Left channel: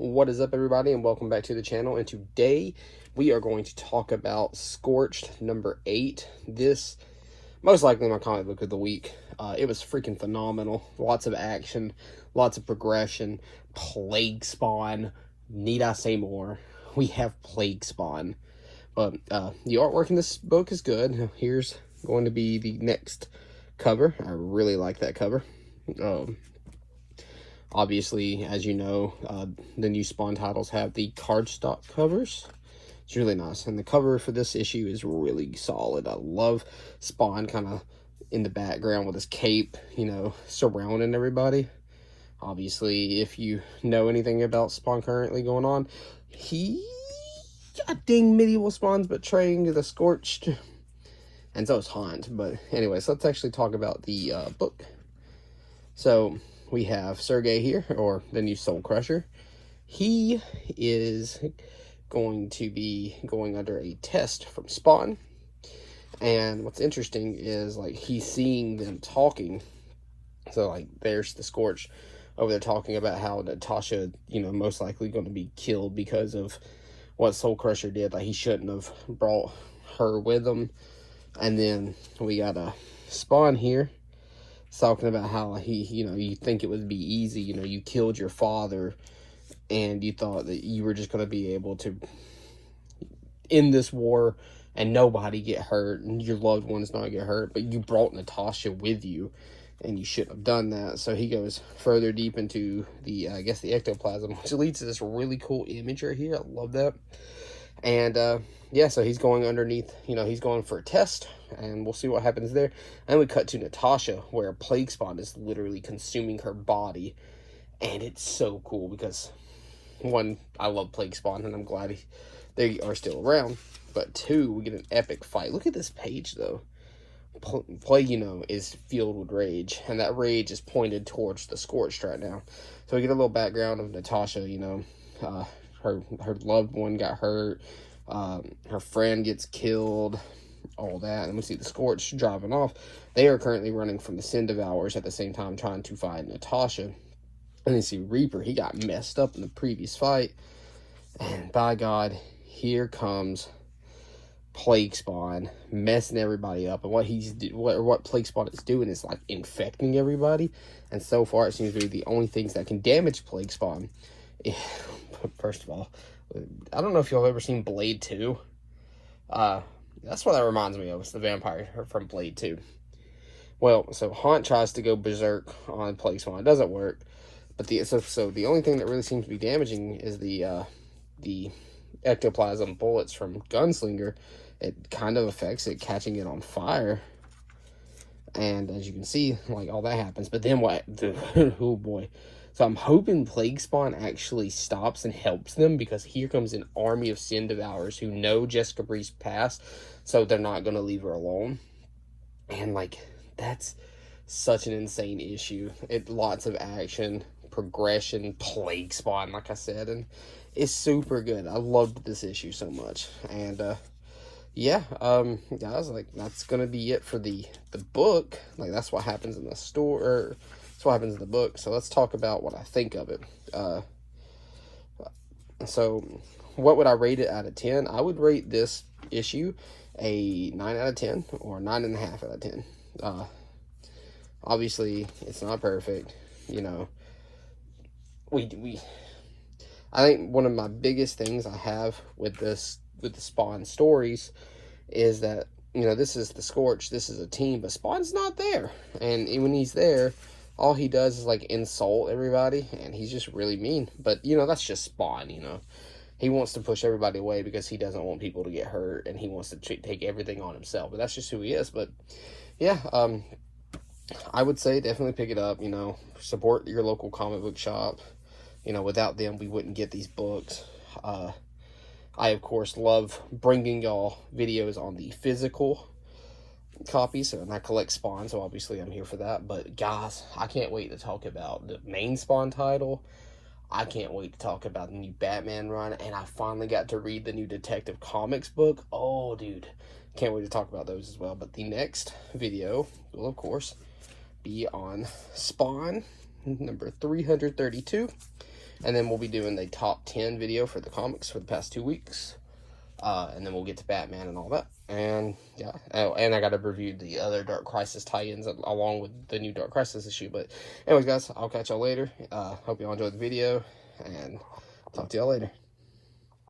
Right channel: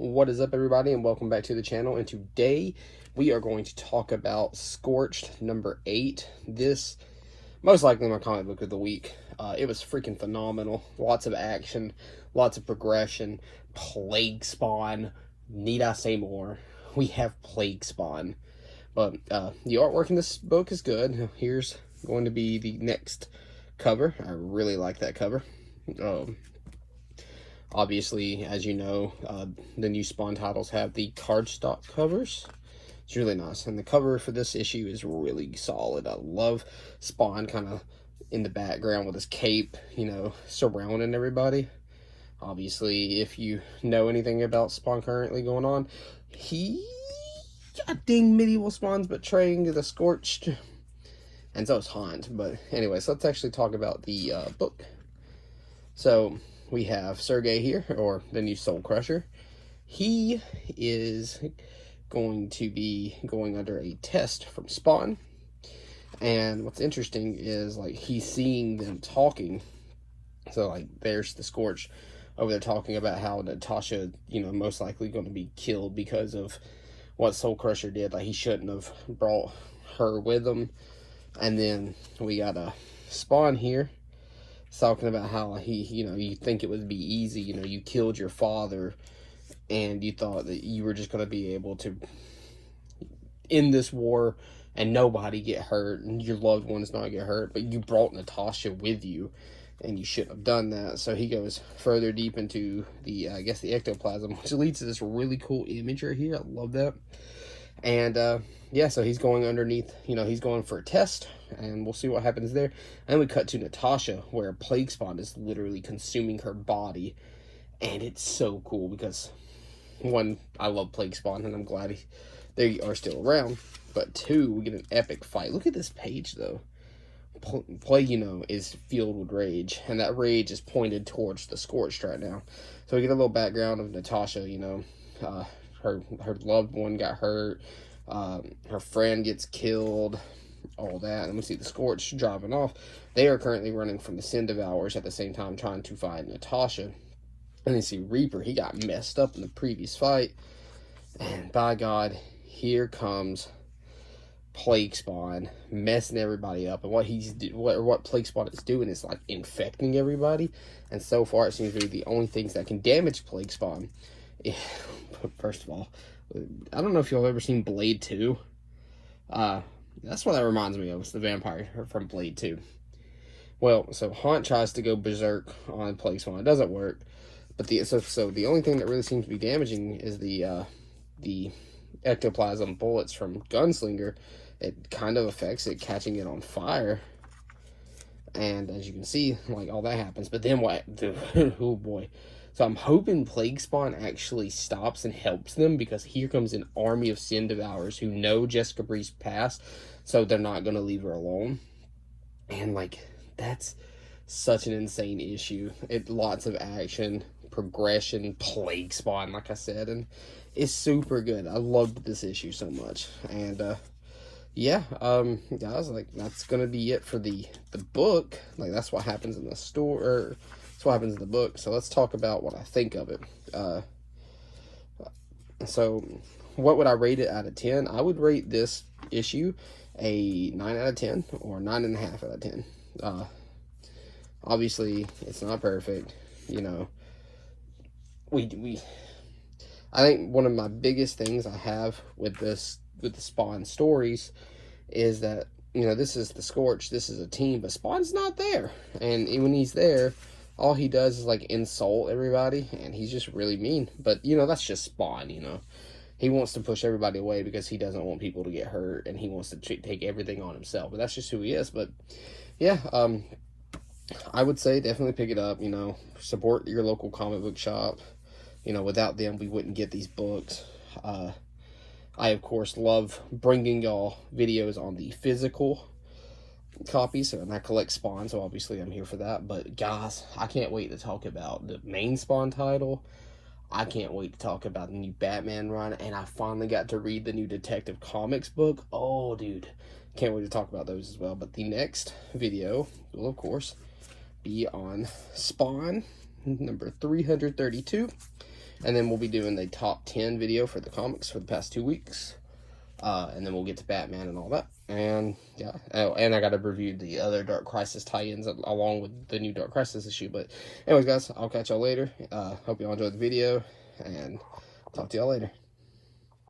What is up, everybody, and welcome back to the channel. And today we are going to talk about Scorched number 8. This most likely my comic book of the week. It was freaking phenomenal. Lots of action, lots of progression, plague spawn. Need I say more? We have plague spawn. But the artwork in this book is good. Here's going to be the next cover. I really like that cover. Obviously, as you know, the new Spawn titles have the cardstock covers. It's really nice. And the cover for this issue is really solid. I love Spawn kind of in the background with his cape, you know, surrounding everybody. Obviously, if you know anything about Spawn currently going on, he got dang medieval Spawn's betraying the Scorched. And so is Hunt. But anyways, let's actually talk about the book. So we have Sergey here, or the new Soul Crusher. He is going to be going under a test from Spawn. And what's interesting is, like, he's seeing them talking. So, like, there's the Scorch over there talking about how Natasha, you know, most likely going to be killed because of what Soul Crusher did. Like, he shouldn't have brought her with him. And then we got a Spawn here talking about how you know, you think it would be easy, you know, you killed your father and you thought that you were just going to be able to end this war and nobody get hurt and your loved ones not get hurt, but you brought Natasha with you and you shouldn't have done that. So he goes further deep into the, I guess, the ectoplasm, which leads to this really cool image right here. I love that. And yeah, so he's going underneath, you know, he's going for a test, and we'll see what happens there. And we cut to Natasha, where a plague spawn is literally consuming her body. And it's so cool because, one, I love plague spawn, and I'm glad they are still around. But two, we get an epic fight. Look at this page, though. Plague, you know, is filled with rage, and that rage is pointed towards the Scorched right now. So we get a little background of Natasha, you know, her loved one got hurt, her friend gets killed, all that, and we see the Scorched driving off. They are currently running from the Sin Devourers at the same time trying to find Natasha. And you see Reaper, he got messed up in the previous fight, and by God, here comes Plague Spawn messing everybody up. And what Plague Spawn is doing is, like, infecting everybody, and so far it seems to be the only things that can damage Plague Spawn. First of all, I don't know if y'all have ever seen Blade 2. That's what that reminds me of. It's the vampire from Blade 2. Well, so Hunt tries to go berserk on Plague Spawn. It doesn't work. But so the only thing that really seems to be damaging is the ectoplasm bullets from Gunslinger. It kind of affects it, catching it on fire. And as you can see, like, all that happens. But then what? Oh boy. So I'm hoping Plague Spawn actually stops and helps them, because here comes an army of Sin Devourers who know Jessica Bree's past, so they're not going to leave her alone. And, like, that's such an insane issue. Lots of action, progression, Plague Spawn, like I said, and it's super good. I loved this issue so much. And yeah, guys, like, that's gonna be it for the book. Like, that's what happens in the store, or that's what happens in the book. So let's talk about what I think of it. So what would I rate it out of 10? I would rate this issue a 9 out of 10 or 9.5 out of 10. Obviously it's not perfect, you know. I think one of my biggest things I have with the Spawn stories is that, you know, this is the Scorch, this is a team, but Spawn's not there. And when he's there, all he does is, like, insult everybody, and he's just really mean. But, you know, that's just Spawn, you know. He wants to push everybody away because he doesn't want people to get hurt, and he wants to take everything on himself. But that's just who he is. But, yeah, I would say definitely pick it up, you know. Support your local comic book shop. You know, without them, we wouldn't get these books. I, of course, love bringing y'all videos on the physical copies, and I collect Spawn, so obviously I'm here for that. But, guys, I can't wait to talk about the main Spawn title. I can't wait to talk about the new Batman run, and I finally got to read the new Detective Comics book. Oh, dude, can't wait to talk about those as well. But the next video will, of course, be on Spawn number 332. And then we'll be doing the top 10 video for the comics for the past 2 weeks. And then we'll get to Batman and all that. And yeah, and I got to review the other Dark Crisis tie-ins along with the new Dark Crisis issue. But anyways, guys, I'll catch y'all later. Hope y'all enjoyed the video, and talk to y'all later.